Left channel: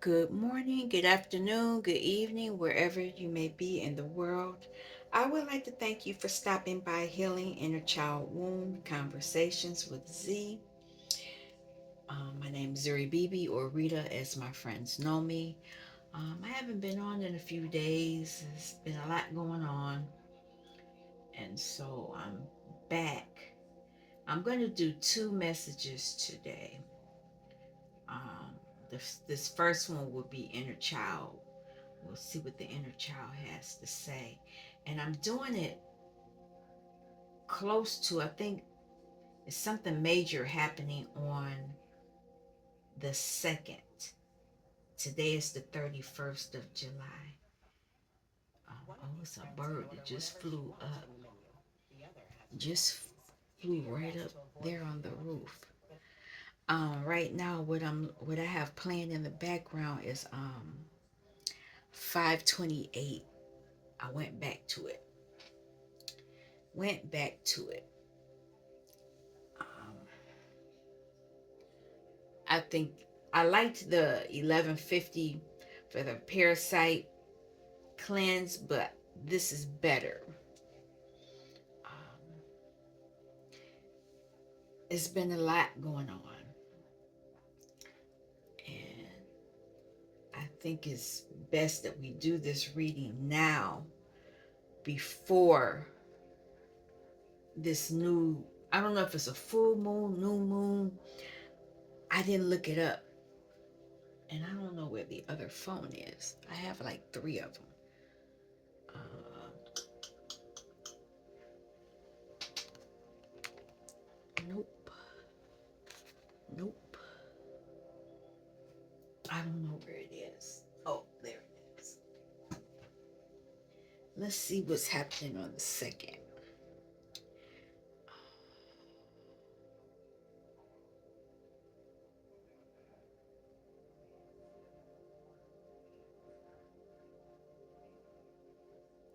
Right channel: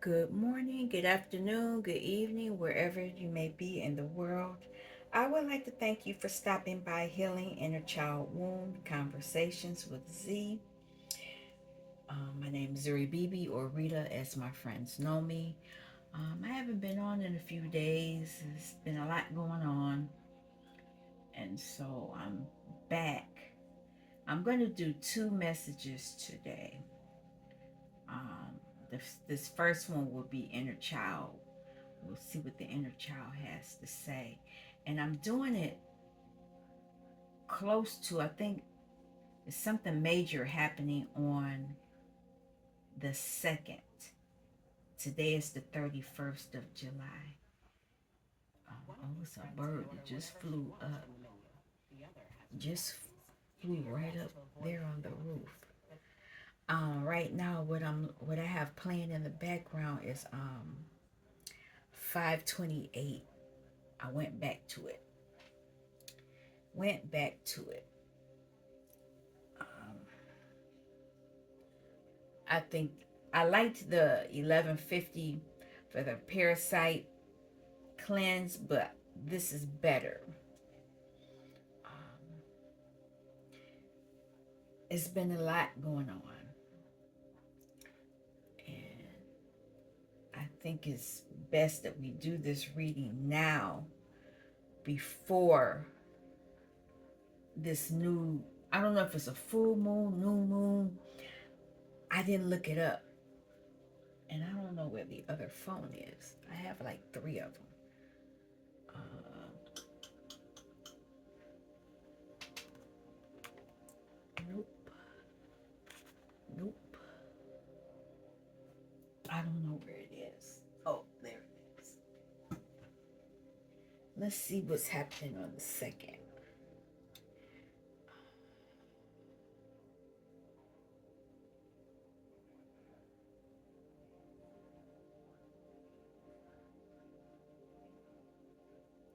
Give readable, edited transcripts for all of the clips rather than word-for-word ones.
Good morning, good afternoon, good evening, wherever you may be in the world. I would like to thank you for stopping by Healing Inner Child Wound Conversations with Z. My name is Zuri Bibi, or Rita as my friends know me. I haven't been on in a few days. There's been a lot going on, and so I'm back. I'm going to do two messages today. Um, this first one will be Inner Child. We'll see what the inner child has to say. And I'm doing it close to, I think, it's something major happening on the 2nd. Today is the 31st of July. Oh, it's a bird that just flew up. Just flew right up there on the roof. Right now, what I have playing in the background is 528. I went back to it. Went back to it. Um, I think I liked the 1150 for the parasite cleanse, but this is better. Um, it's been a lot going on, and I think it's best that we do this reading now before this new. I don't know if it's a full moon, new moon. I didn't look it up, and I don't know where the other phone is. I have like three of them. Uh, nope, nope. I don't know where it is. Oh, there it is. Let's see what's happening on the 2nd.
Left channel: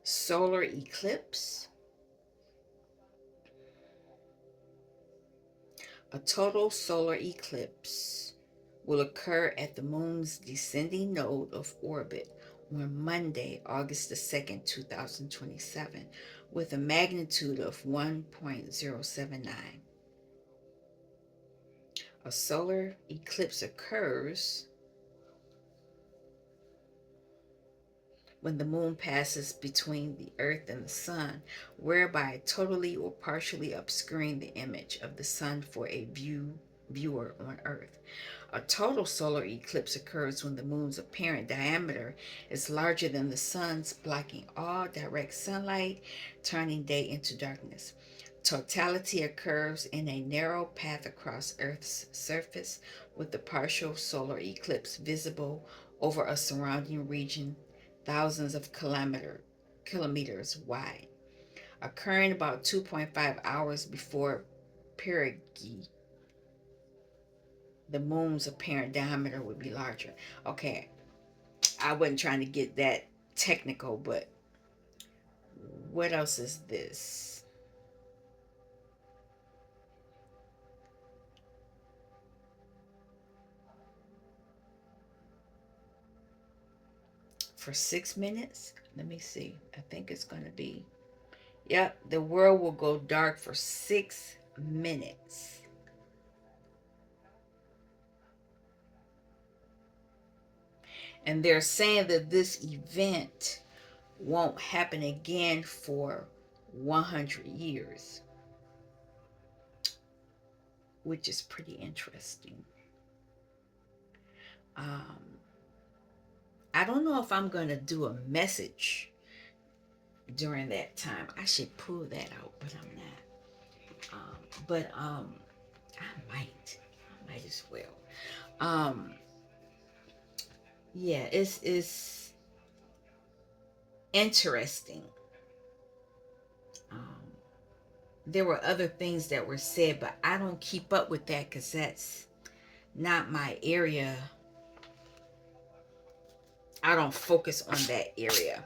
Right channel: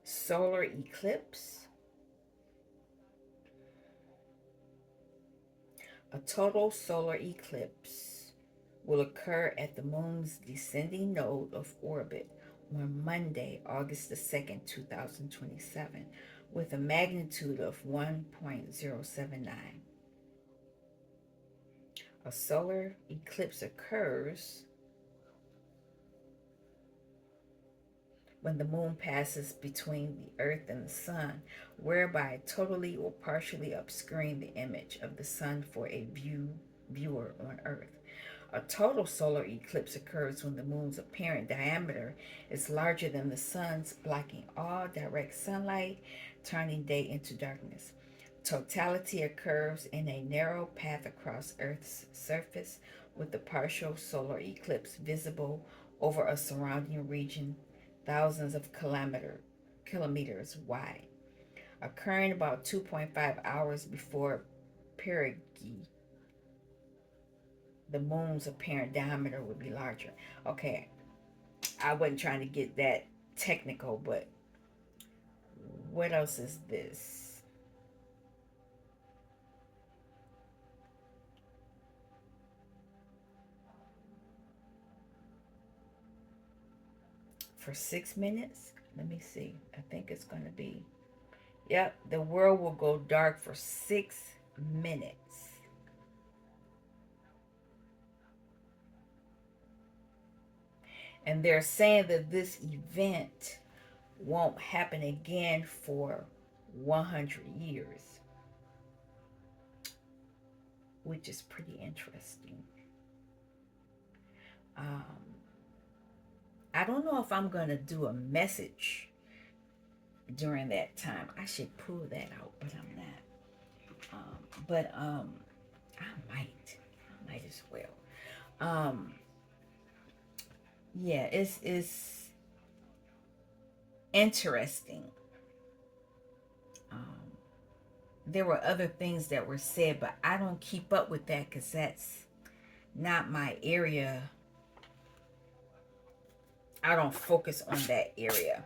Solar eclipse. A total solar eclipse will occur at the moon's descending node of orbit on Monday, August the 2nd, 2027, with a magnitude of 1.079. A solar eclipse occurs when the moon passes between the earth and the sun, whereby totally or partially obscuring the image of the sun for a viewer on earth. A total solar eclipse occurs when the moon's apparent diameter is larger than the sun's, blocking all direct sunlight, turning day into darkness. Totality occurs in a narrow path across Earth's surface, with the partial solar eclipse visible over a surrounding region thousands of kilometers wide, occurring about 2.5 hours before perigee. The moon's apparent diameter would be larger. Okay, I wasn't trying to get that technical, but what else is this? For 6 minutes? Let me see. I think it's going to be. Yep, the world will go dark for 6 minutes. And they're saying that this event won't happen again for 100 years, which is pretty interesting. Um, I don't know if I'm going to do a message during that time. I should pull that out, but I'm not. But I might. I might as well. Um, yeah, it's interesting. Um, there were other things that were said, but I don't keep up with that because that's not my area. I don't focus on that area.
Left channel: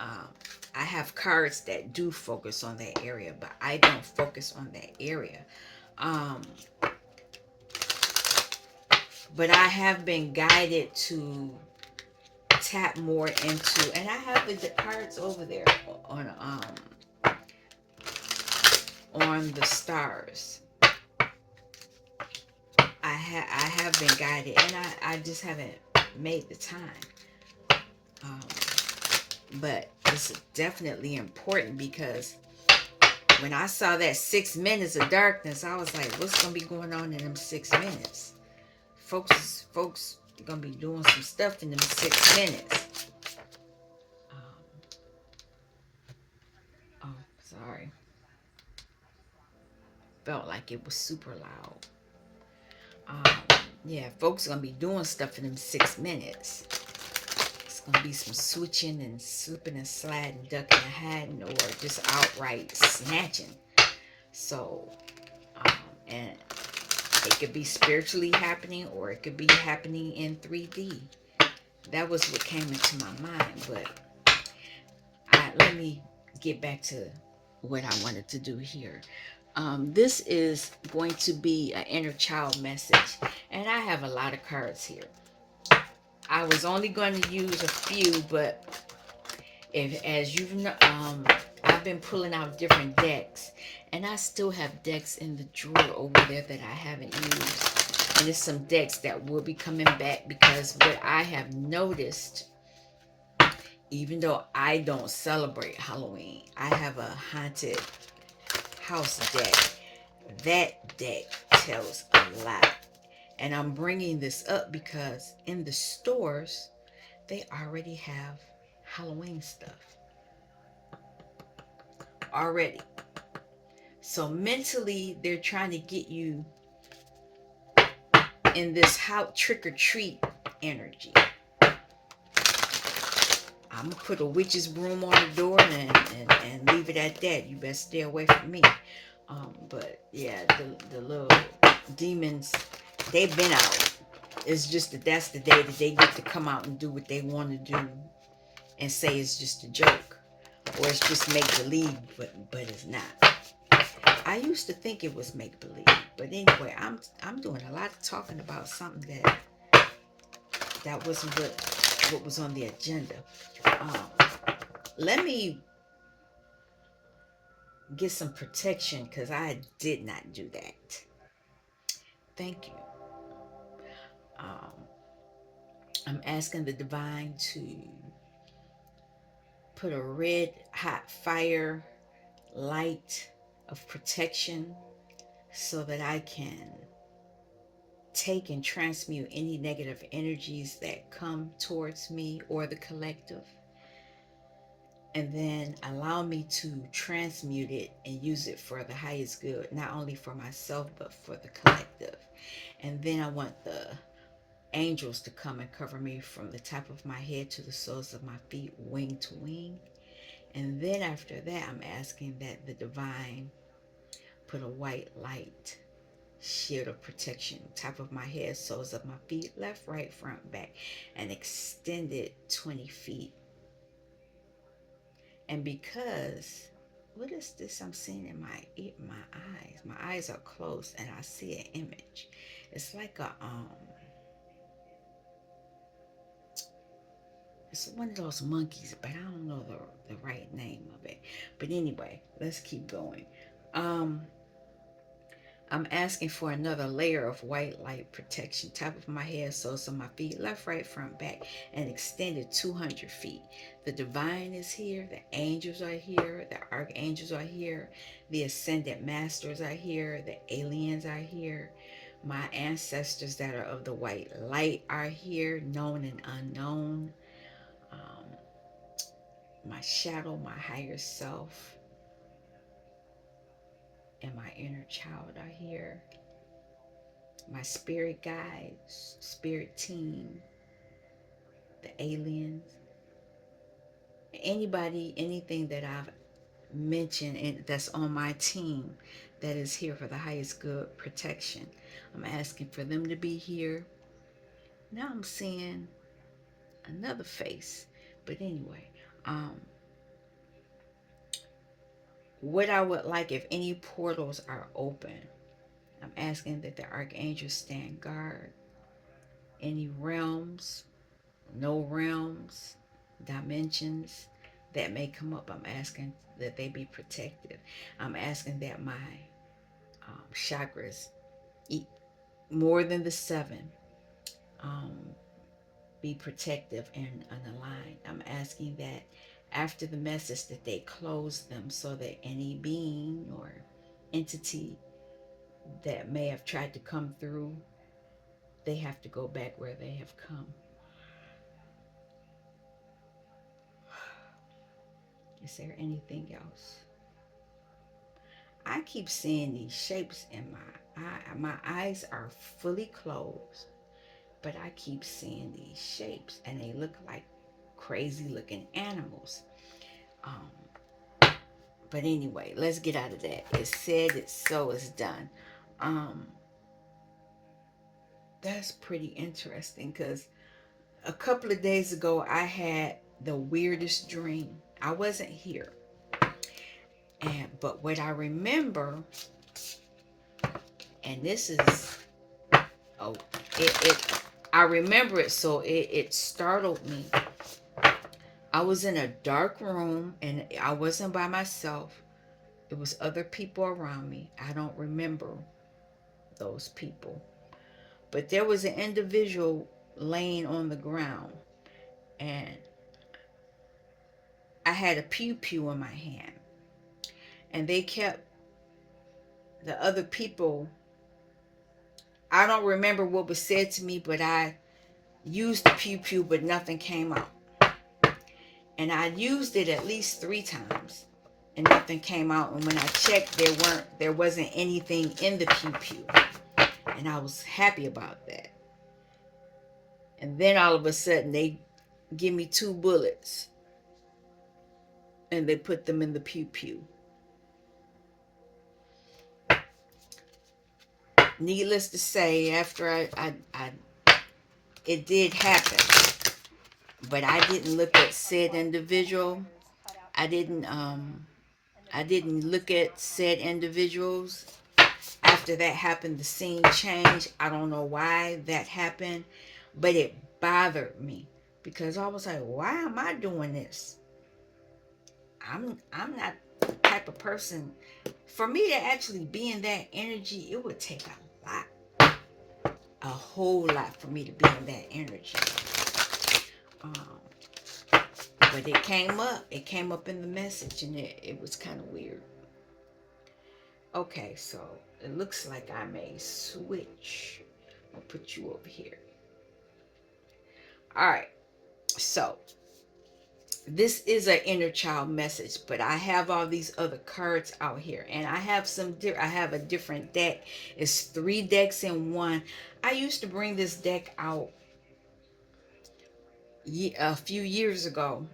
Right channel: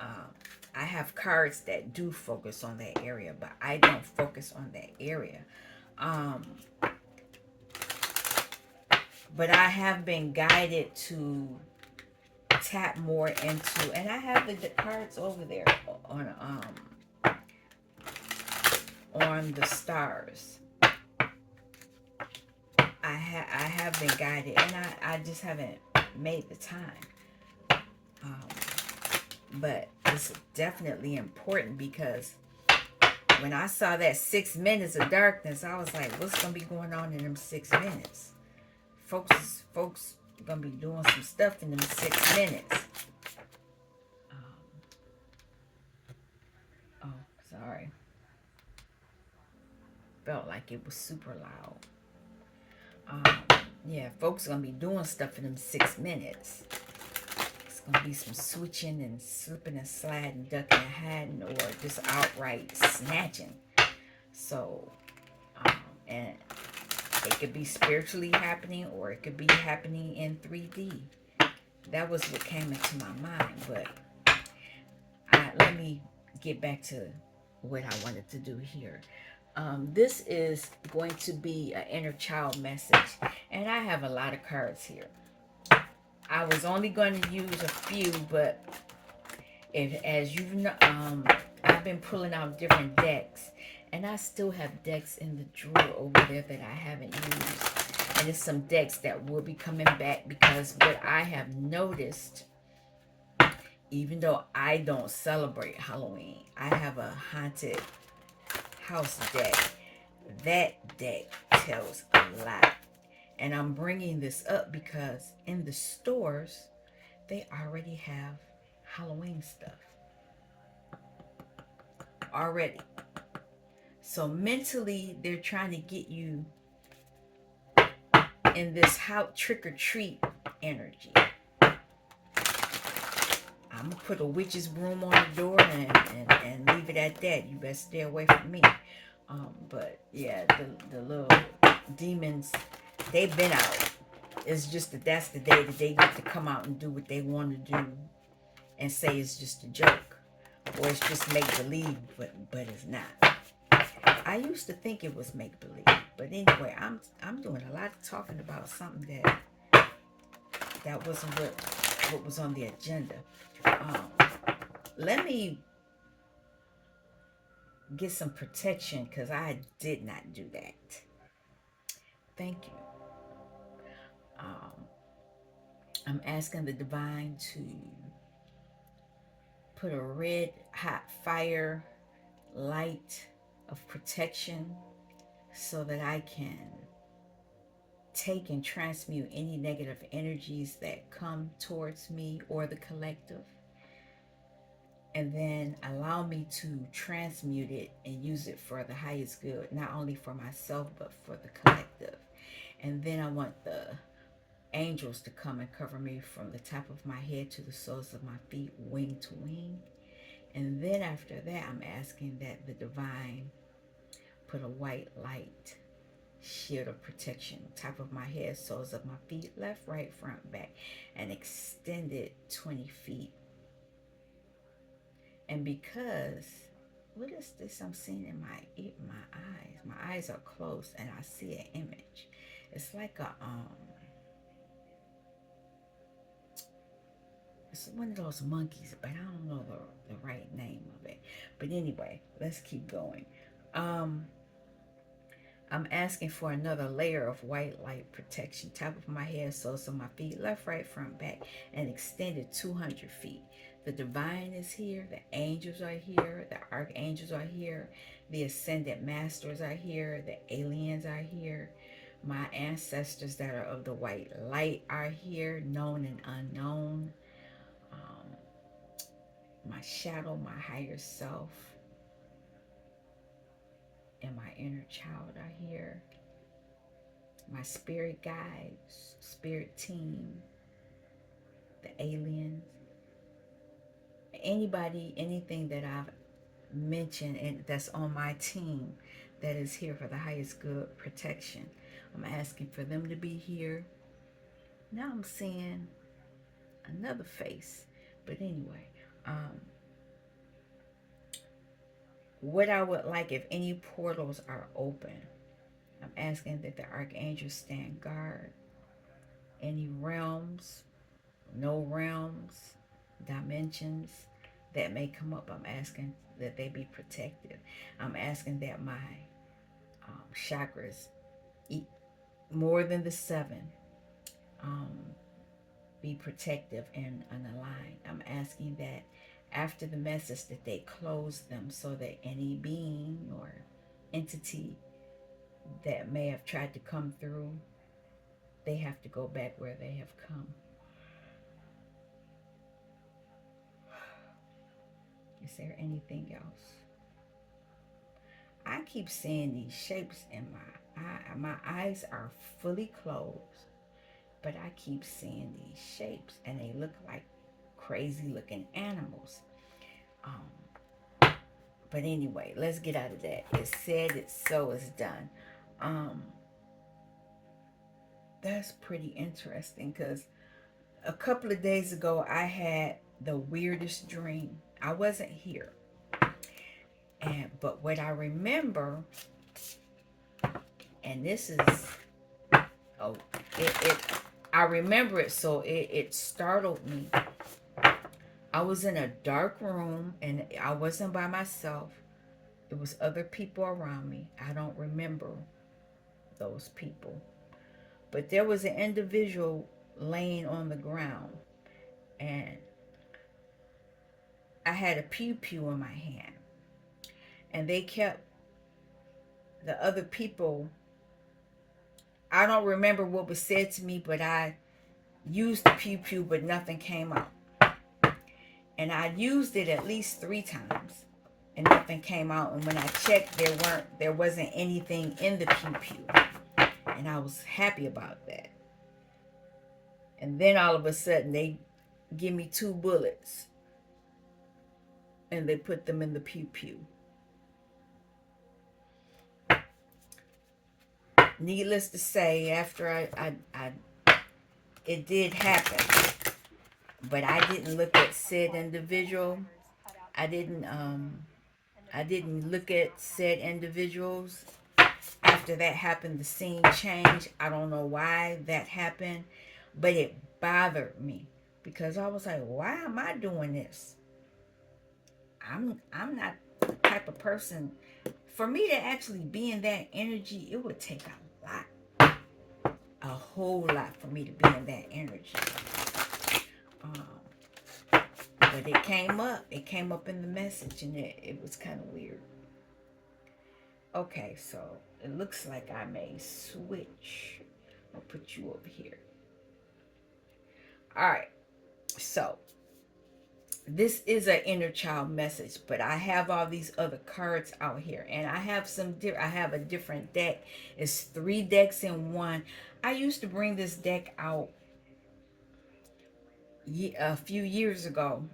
Um, I have cards that do focus on that area, but I don't focus on that area. Um, But I have been guided to tap more into, and I have the cards over there on the stars. I have been guided, and I just haven't made the time. Um, but it's definitely important because when I saw that 6 minutes of darkness, I was like, what's gonna be going on in them 6 minutes? Folks gonna be doing some stuff in them 6 minutes. Um, oh, sorry. Felt like it was super loud. Um, yeah, folks gonna be doing stuff in them 6 minutes. It's gonna be some switching and slipping and sliding, ducking and hiding, or just outright snatching. So, um, and it could be spiritually happening, or it could be happening in 3D. That was what came into my mind. But let me get back to what I wanted to do here. This is going to be an inner child message, and I have a lot of cards here. I was only going to use a few, but if as you know, I've been pulling out different decks, and I still have decks in the drawer over there that I haven't used, and it's some decks that will be coming back because what I have noticed, even though I don't celebrate Halloween, I have a haunted house deck. That deck tells a lot. And I'm bringing this up because in the stores, they already have Halloween stuff. Already. So mentally, they're trying to get you in this how trick or treat energy. I'm gonna put a witch's broom on the door and leave it at that. You better stay away from me. But yeah, the little demons, they've been out. It's just that that's the day that they get to come out and do what they want to do and say it's just a joke or it's just make believe, but it's not. I used to think it was make believe, but anyway, I'm doing a lot of talking about something that wasn't what was on the agenda. Let me get some protection because I did not do that. Thank you. Um, I'm asking the divine to put a red hot fire light of protection so that I can take and transmute any negative energies that come towards me or the collective, and then allow me to transmute it and use it for the highest good, not only for myself but for the collective. And then I want the angels to come and cover me from the top of my head to the soles of my feet, wing to wing. And then after that, I'm asking that the divine put a white light shield of protection, top of my head, soles of my feet, left, right, front, back, and extend it 20 feet. And because, what is this I'm seeing in my eyes? My eyes are closed and I see an image. It's like it's one of those monkeys, but I don't know the right name of it. But anyway, let's keep going. Um, I'm asking for another layer of white light protection, top of my head, soles of my feet, left, right, front, back, and extended 200 feet. The divine is here, the angels are here, the archangels are here, the ascended masters are here, the aliens are here, my ancestors that are of the white light are here, known and unknown. Um, my shadow, my higher self, and my inner child are here. My spirit guides, spirit team, the aliens, anybody, anything that I've mentioned and that's on my team that is here for the highest good protection. I'm asking for them to be here. Now I'm seeing another face. But anyway, um, what I would like if any portals are open, I'm asking that the archangels stand guard any realms, no realms, dimensions that may come up. I'm asking that they be protected. I'm asking that my chakras, eat more than the seven, um, be protective and aligned. I'm asking that after the message that they close them so that any being or entity that may have tried to come through, they have to go back where they have come. Is there anything else? I keep seeing these shapes in my eye. My eyes are fully closed, but I keep seeing these shapes and they look like crazy looking animals. But anyway, let's get out of that. It said it, so it's done. Um, that's pretty interesting because a couple of days ago I had the weirdest dream. I wasn't here. But what I remember, and this is oh it I remember it, so it startled me. I was in a dark room and I wasn't by myself. It was other people around me. I don't remember those people. But there was an individual laying on the ground and I had a pew pew in my hand. And they kept the other people, I don't remember what was said to me, but I used the pew pew, but nothing came out. And I used it at least 3 times and nothing came out. And when I checked, there wasn't anything in the pew pew. And I was happy about that. And then all of a sudden they give me 2 bullets and they put them in the pew pew. Needless to say, after it did happen, but I didn't look at said individual. I didn't I didn't look at said individuals. After that happened, the scene changed. I don't know why that happened, but it bothered me because I was like, why am I doing this? I'm not the type of person. For me to actually be in that energy, it would take a lot, a whole lot for me to be in that energy. Um, but it came up. It came up in the message, and it was kind of weird. Okay, so it looks like I may switch. I'll put you over here. All right, so this is an inner child message, but I have all these other cards out here, and I have I have a different deck. It's 3 decks in one. I used to bring this deck out a few years ago,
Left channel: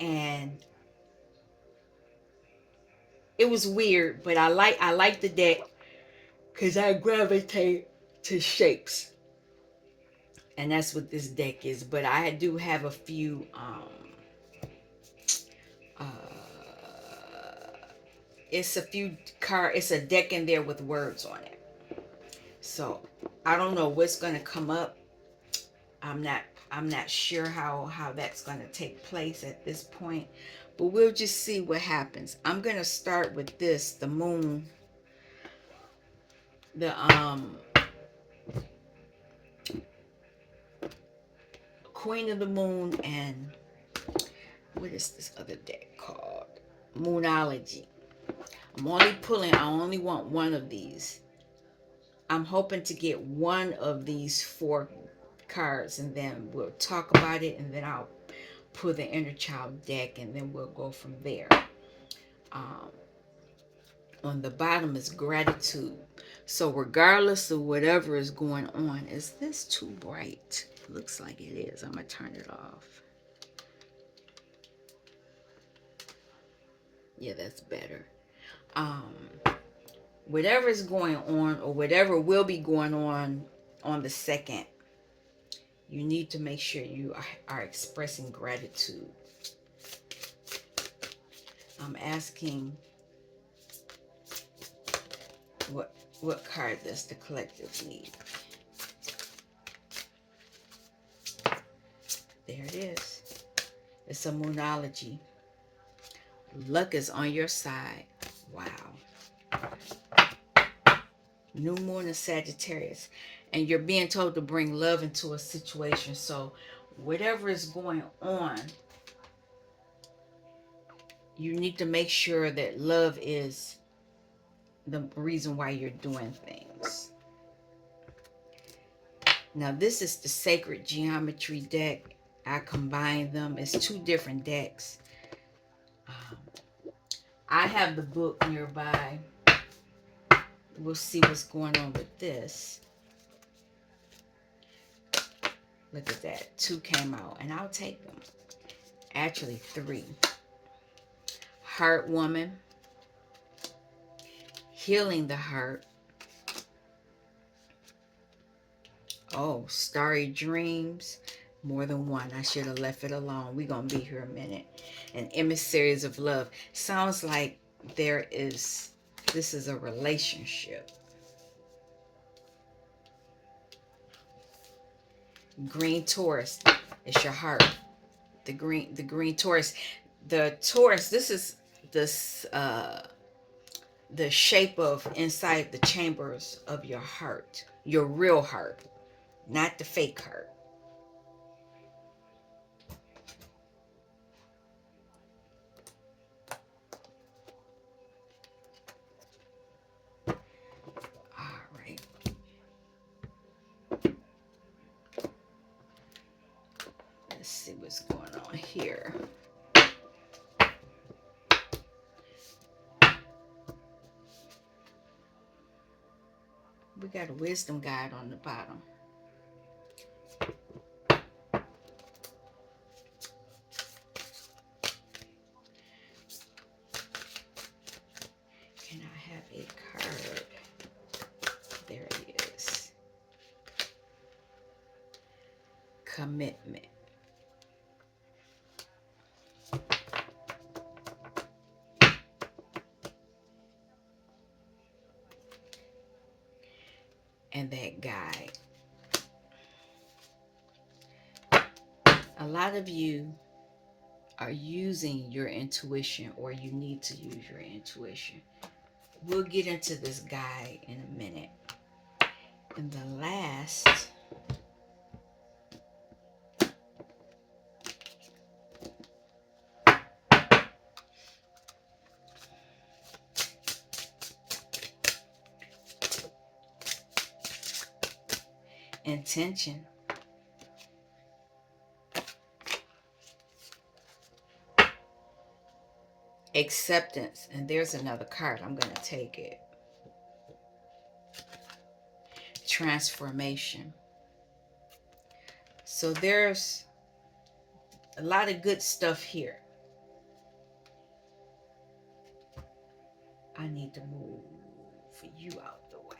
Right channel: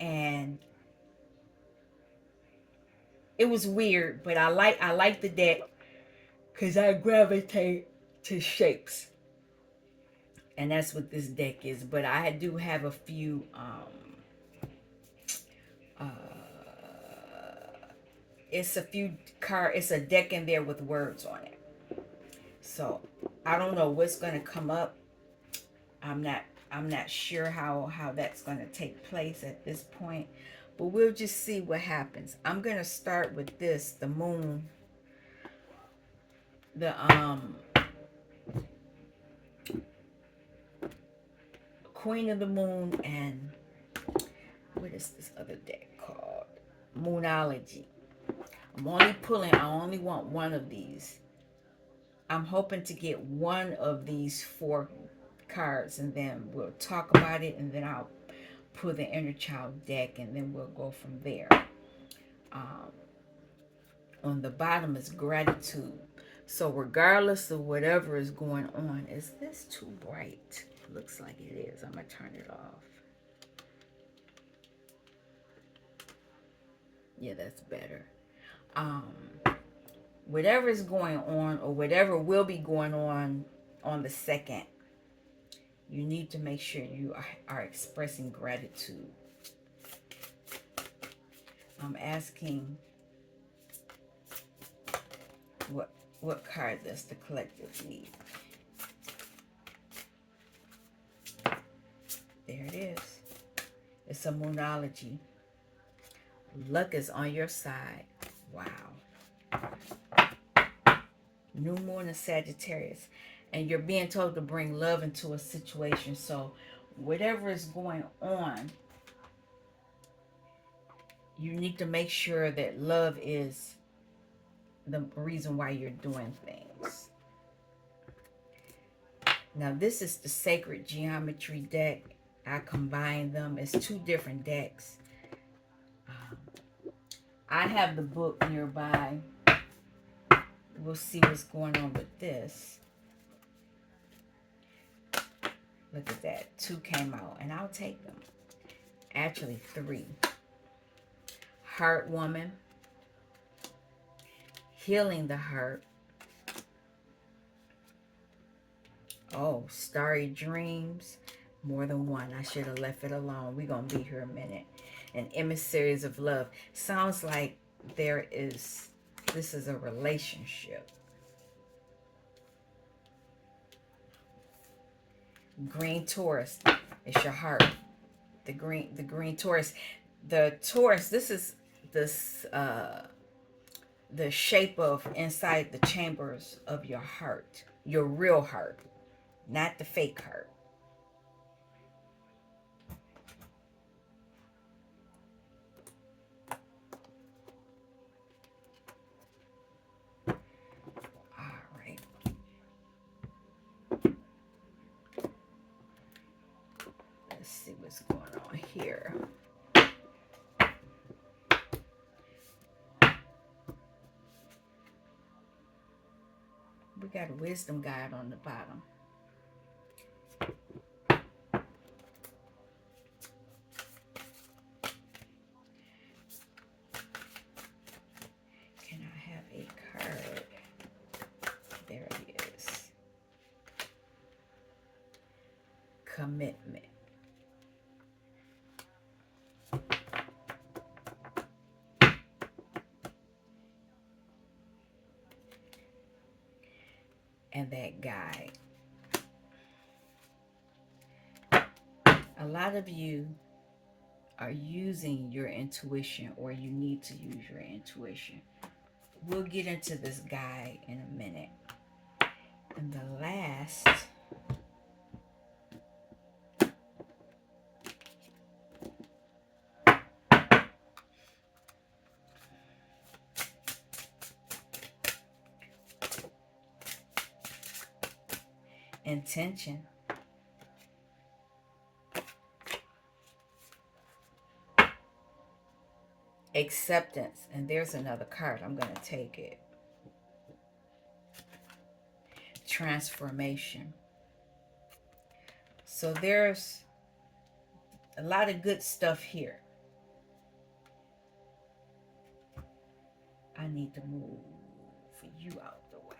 and it was weird, but I like the deck because I gravitate to shapes, and that's what this deck is. But I do have a few uh it's a few it's a deck in there with words on it. So I don't know what's gonna come up. I'm not I'm not sure how that's gonna take place at this point. But we'll just see what happens. I'm gonna start with this, the moon, the Queen of the Moon, and what is this other deck called? Moonology. I only want one of these. I'm hoping to get one of these 4 cards and then we'll talk about it and then I'll pull the inner child deck and then we'll go from there. Um, on the bottom is gratitude. So regardless of whatever is going on, is this too bright? Looks like it is. I'm going to turn it off. Yeah, that's better. Um, whatever is going on or whatever will be going on the 2nd, you need to make sure you are expressing gratitude. I'm asking what card does the collective need? There it is. It's a moonology. Luck is on your side. Wow. New moon in Sagittarius. And you're being told to bring love into a situation. So whatever is going on, you need to make sure that love is the reason why you're doing things. Now this is the Sacred Geometry deck. I combined them. It's two different decks. I have the book nearby. We'll see what's going on with this. Look at that. Two came out, and I'll take them. Actually, three. Heart Woman. Healing the Heart. Oh, Starry Dreams. More than one. I should have left it alone. We're going to be here a minute. And Emissaries of Love. Sounds like this is a relationship. Green Taurus. It's your heart. The green Taurus. The Taurus, this is this the shape of inside the chambers of your heart. Your real heart. Not the fake heart. All right. Let's see what's going on here. We got a wisdom guide on the bottom. Can I have a card? There it is. Commitment. And that guide. A lot of you are using your intuition, or you need to use your intuition. We'll get into this guide in a minute. And the last intention. Acceptance. And there's another card. I'm going to take it. Transformation. So there's a lot of good stuff here. I need to move you out the way.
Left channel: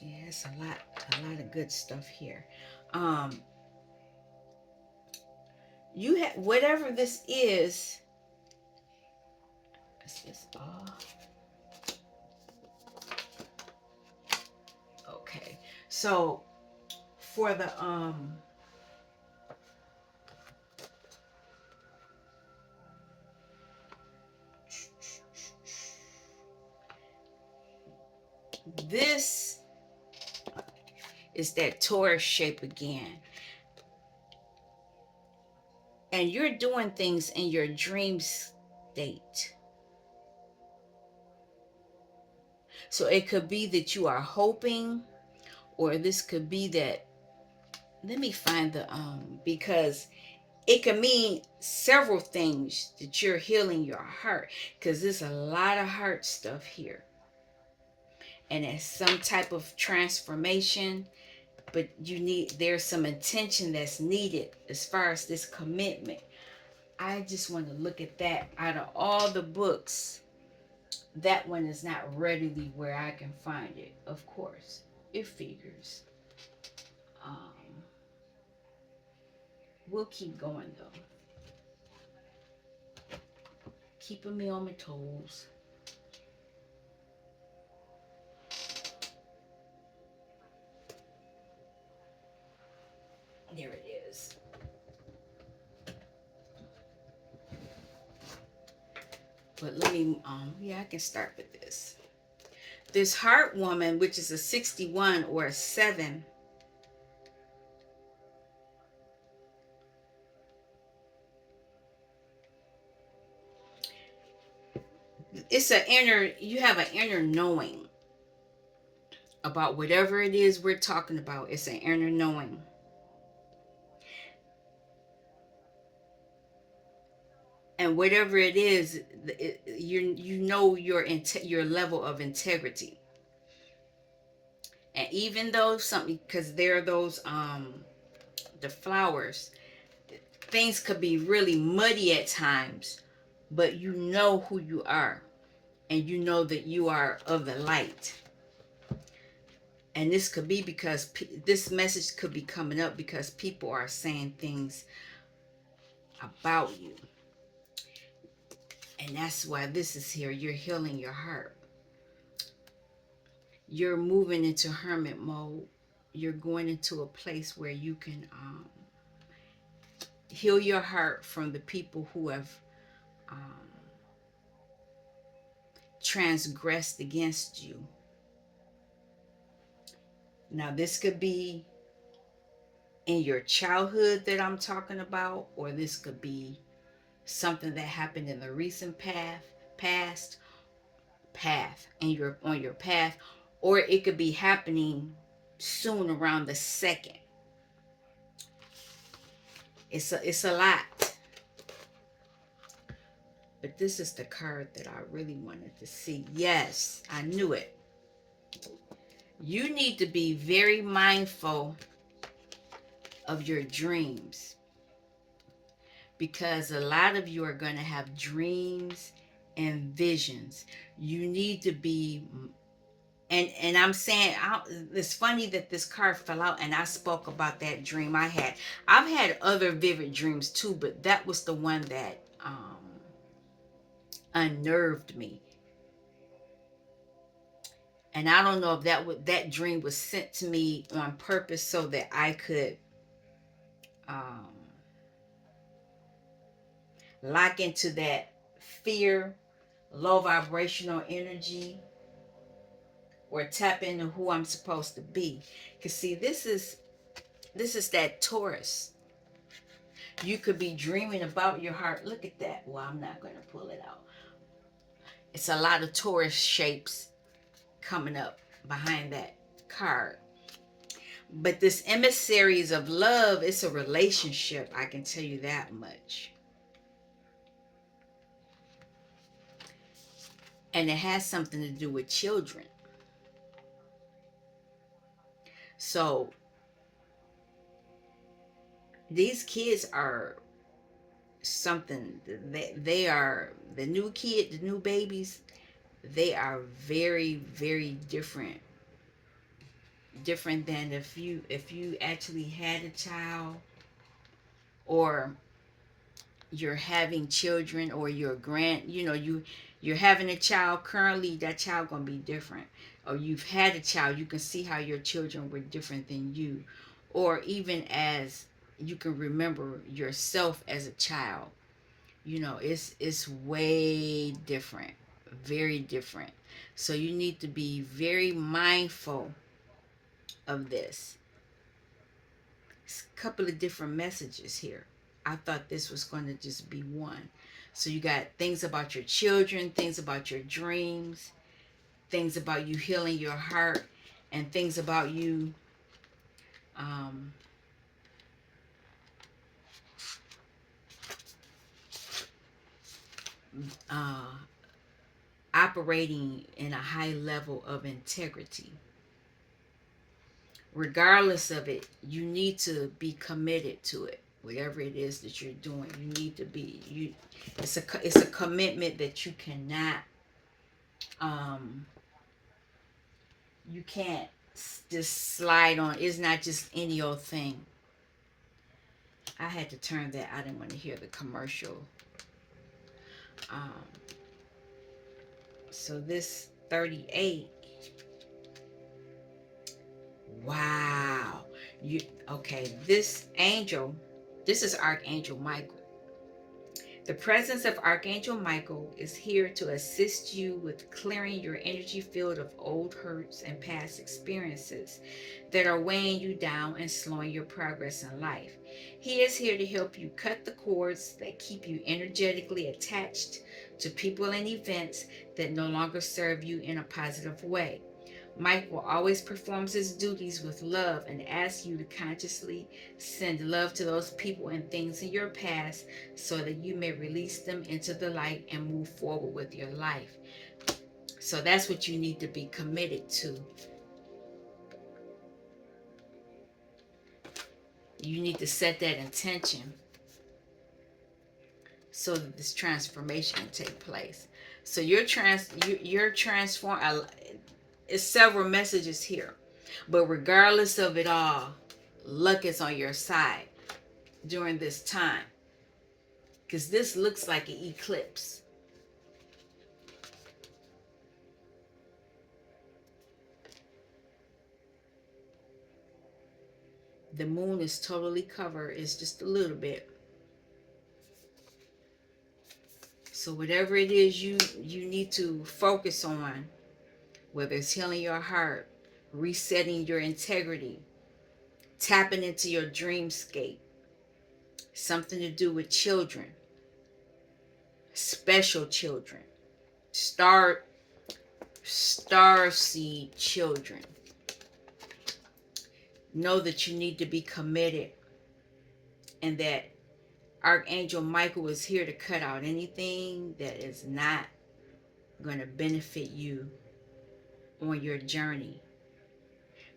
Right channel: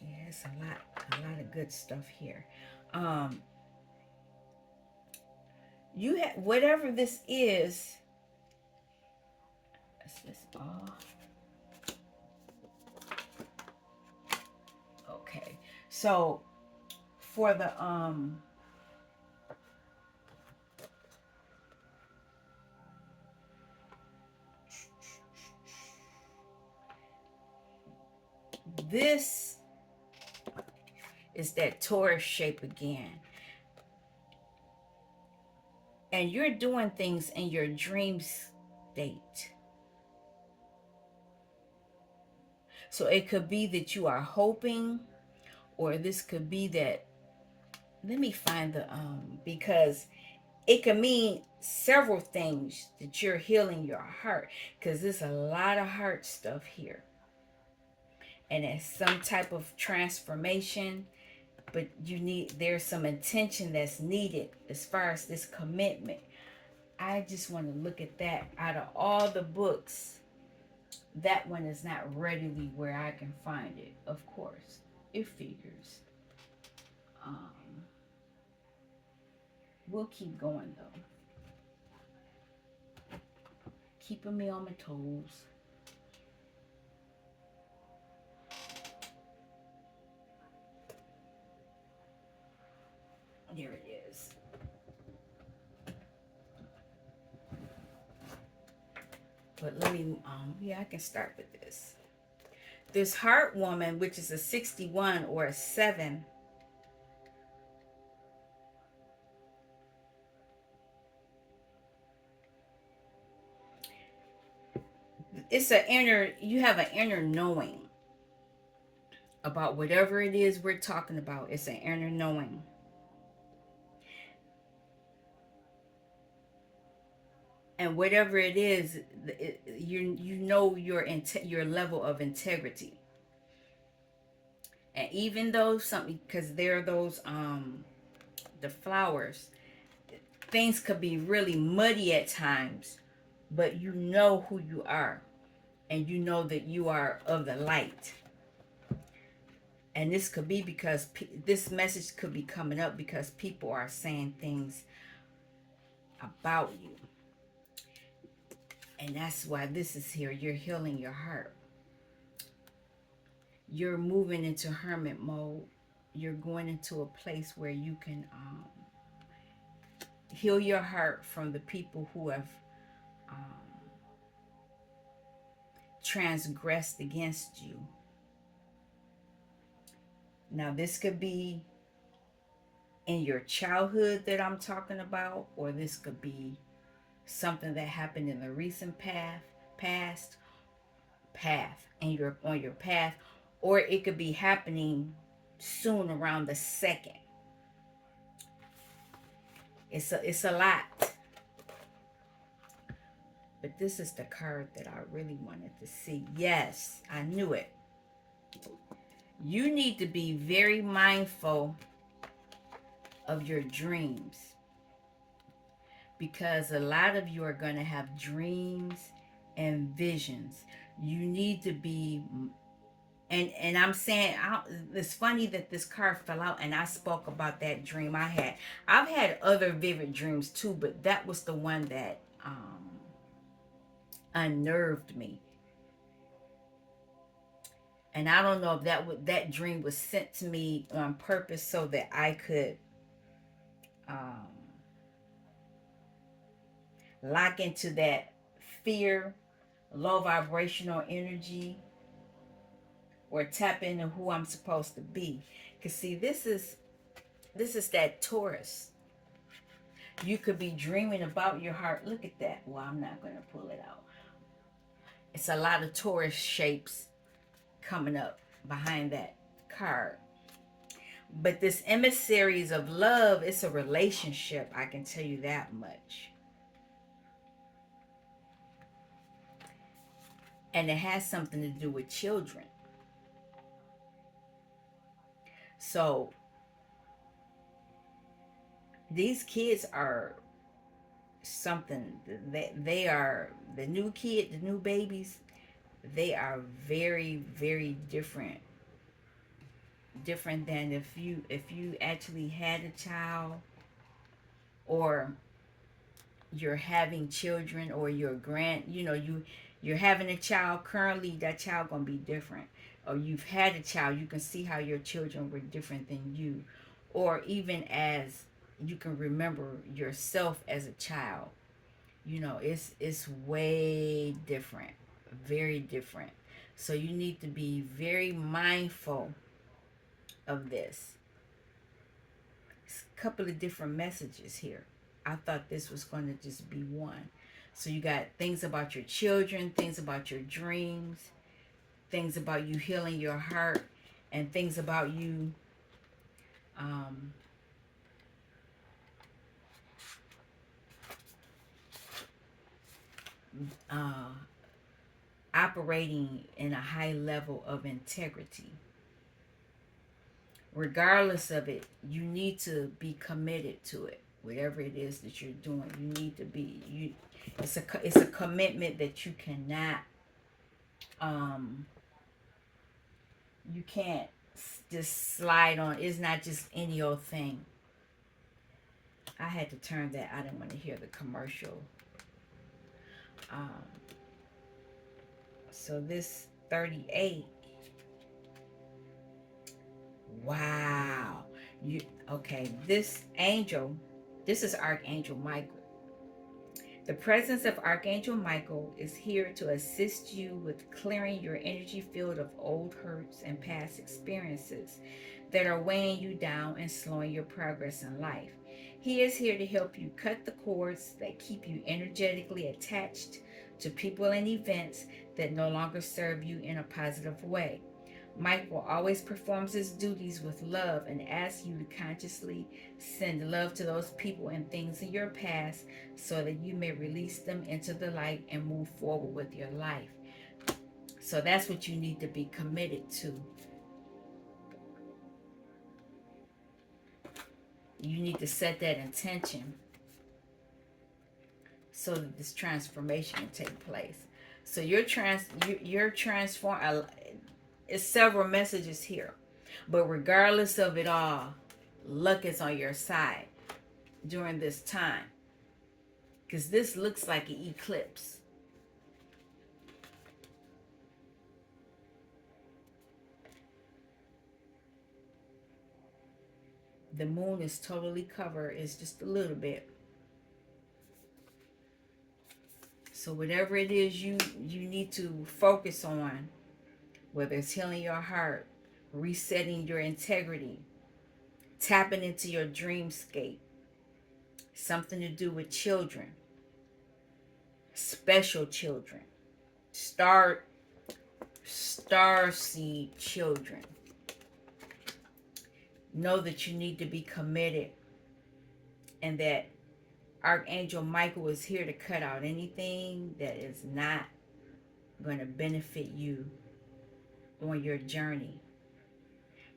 Yeah, it's a lot of good stuff here. You have whatever this is. Is this all? Okay, so for the this is that Taurus shape again. And you're doing things in your dream state. So it could be that you are hoping, or this could be that, let me find the because it can mean several things, that you're healing your heart, because there's a lot of heart stuff here. And it's some type of transformation, but there's some intention that's needed as far as this commitment. I just want to look at that. Out of all the books, that one is not readily where I can find it. Of course, it figures. Um, we'll keep going though. Keeping me on my toes. There it is. But let me, yeah, I can start with this. This heart woman, which is a 61 or a 7, it's an inner, you have an inner knowing about whatever it is we're talking about. It's an inner knowing. And whatever it is, you know your level of integrity. And even though something, because there are those the flowers, things could be really muddy at times, but you know who you are, and you know that you are of the light. And this could be because this message could be coming up because people are saying things about you, and that's why this is here. You're healing your heart. You're moving into hermit mode. You're going into a place where you can heal your heart from the people who have um, transgressed against you. Now, this could be in your childhood that I'm talking about, or this could be something that happened in the recent past path, and you're on your path, or it could be happening soon around the second. It's a lot. But this is the card that I really wanted to see. Yes, I knew it. You need to be very mindful of your dreams because a lot of you are going to have dreams and visions. You need to be, and I'm saying, it's funny that this card fell out and I spoke about that dream I had. I've had other vivid dreams too, but that was the one that unnerved me. And I don't know if that dream was sent to me on purpose so that I could um, lock into that fear, low vibrational energy, or tap into who I'm supposed to be. Cause see, this is that Taurus. You could be dreaming about your heart. Look at that. Well, I'm not going to pull it out. It's a lot of Taurus shapes coming up behind that card. But this emissaries of love, it's a relationship. I can tell you that much. And it has something to do with children. So these kids are something. They are the new kid, the new babies. They are very, very different than if you actually had a child, or you're having children, or you're having a child currently. That child gonna be different. Or you've had a child, you can see how your children were different than you. Or even as you can remember yourself as a child, it's way different, very different. So you need to be very mindful of this. It's a couple of different messages here. I thought this was going to just be one. So you got things about your children, things about your dreams, things about you healing your heart, and things about you um, uh, operating in a high level of integrity. Regardless of it, you need to be committed to it. Whatever it is that you're doing, you need to be you. It's a commitment that um you can't just slide on. It's not just any old thing. I had to turn that. I didn't want to hear the commercial. Um, so this 38. Wow. You okay, this angel, this is Archangel Michael. The presence of Archangel Michael is here to assist you with clearing your energy field of old hurts and past experiences that are weighing you down and slowing your progress in life. He is here to help you cut the cords that keep you energetically attached to people and events that no longer serve you in a positive way. Michael always performs his duties with love and asks you to consciously send love to those people and things in your past so that you may release them into the light and move forward with your life. So that's what you need to be committed to. You need to set that intention so that this transformation can take place. So you're transform. It's several messages here, but regardless of it all, luck is on your side during this time, because this looks like an eclipse. The moon is totally covered. It's just a little bit. So whatever it is you need to focus on, whether it's healing your heart, resetting your integrity, tapping into your dreamscape, something to do with children, special children, star star seed children. Know that you need to be committed, and that Archangel Michael is here to cut out anything that is not going to benefit you on your journey.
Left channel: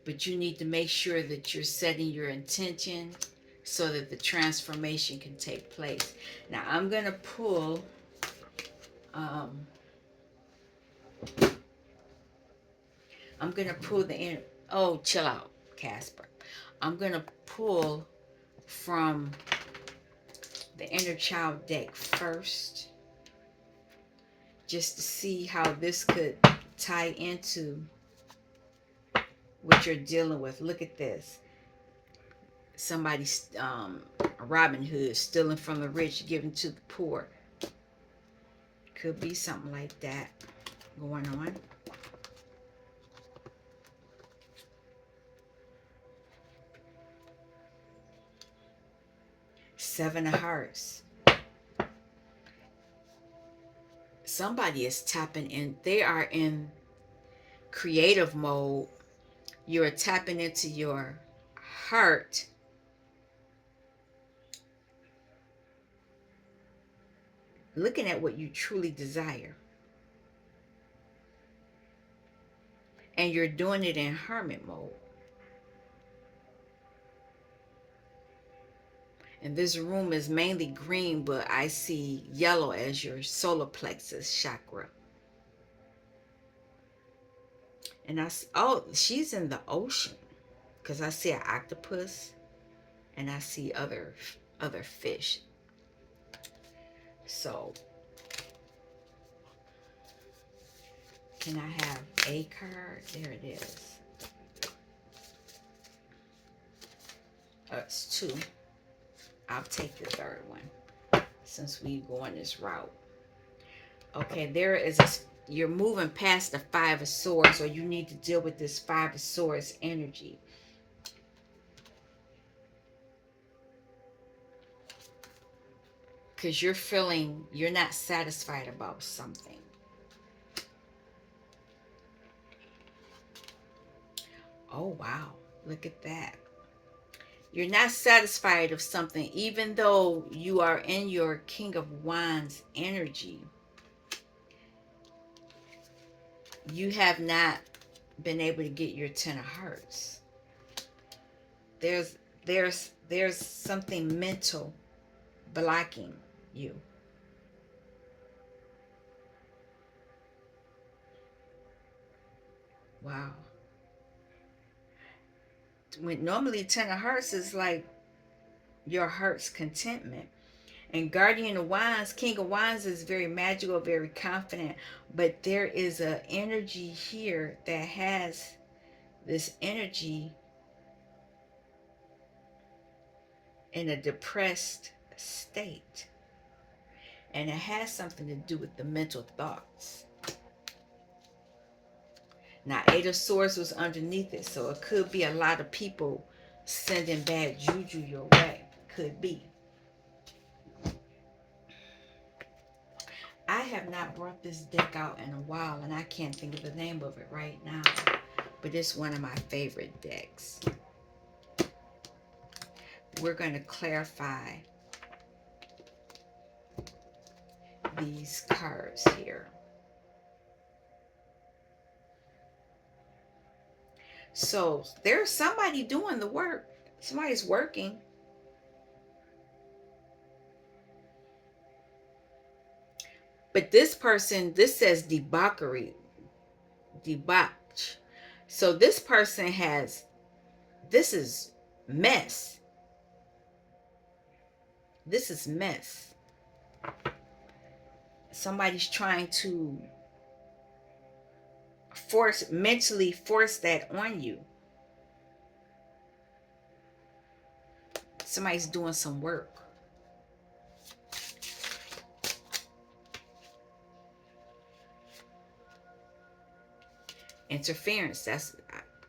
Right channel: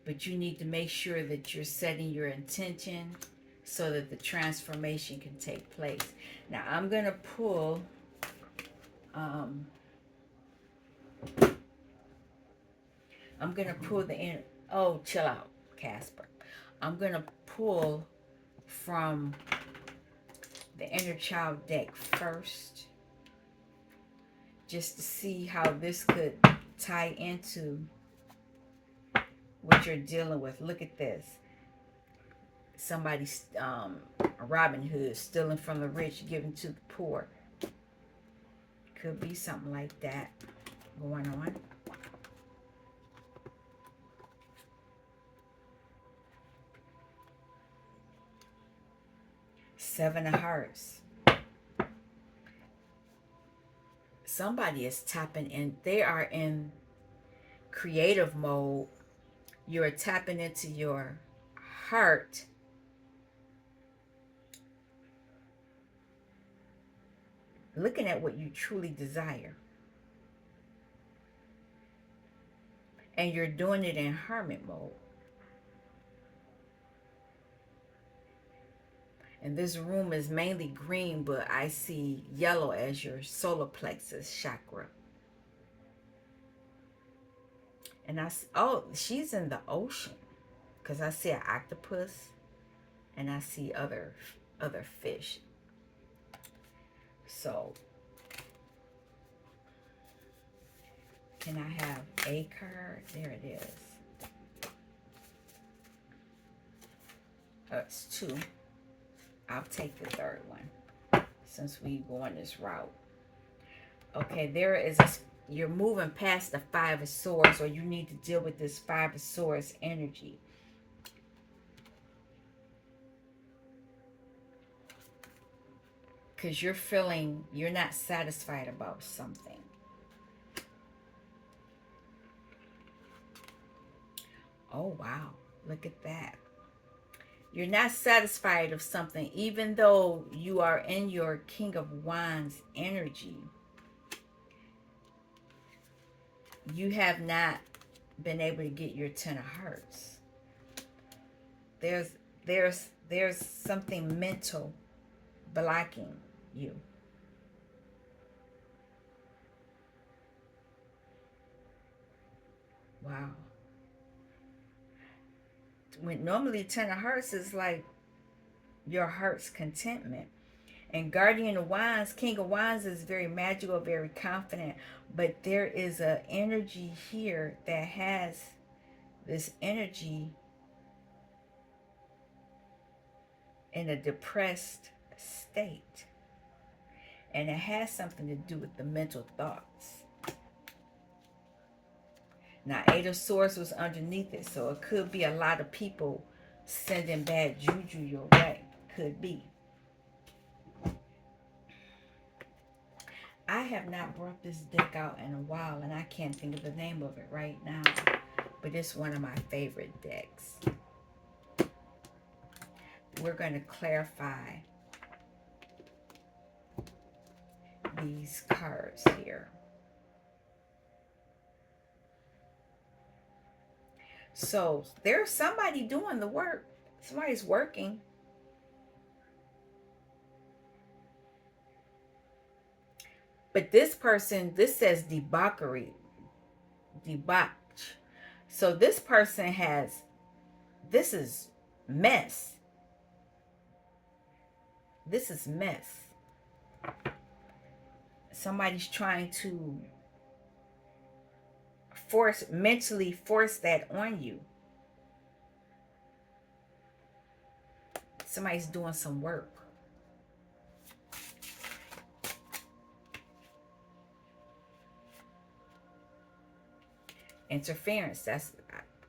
But you need to make sure that you're setting your intention so that the transformation can take place. Now I'm going to pull um, I'm going to pull the inner. Oh, chill out, Casper. I'm going to pull from the inner child deck first, just to see how this could tie into what you're dealing with. Look at this. Somebody's Robin Hood, stealing from the rich, giving to the poor. Could be something like that going on. Seven of Hearts. Somebody is tapping in. They are in creative mode. You're tapping into your heart, looking at what you truly desire. And you're doing it in hermit mode. And this room is mainly green, but I see yellow as your solar plexus chakra. And oh, she's in the ocean, because I see an octopus and I see other fish. So, can I have a card? There it is. It's two. I'll take the third one since we go on this route. Okay, there is you're moving past the Five of Swords, or you need to deal with this Five of Swords energy. Because you're feeling you're not satisfied about something. Oh, wow. Look at that. You're not satisfied of something, even though you are in your King of Wands energy. You have not been able to get your Ten of Hearts. There's there's something mental blocking you. Wow. When normally Ten of Hearts is like your heart's contentment. And Guardian of Wands, King of Wands is very magical, very confident, but there is an energy here that has this energy in a depressed state. And it has something to do with the mental thoughts. Now, Eight of Swords was underneath it, so it could be a lot of people sending bad juju your way. Could be. I have not brought this deck out in a while, and I can't think of the name of it right now, but it's one of my favorite decks. We're going to clarify these cards here. So there's somebody doing the work. Somebody's working. But this person, this says debauchery. Debauch. So this person has, this is mess. This is mess. Somebody's trying to mentally force that on you. Somebody's doing some work. Interference, I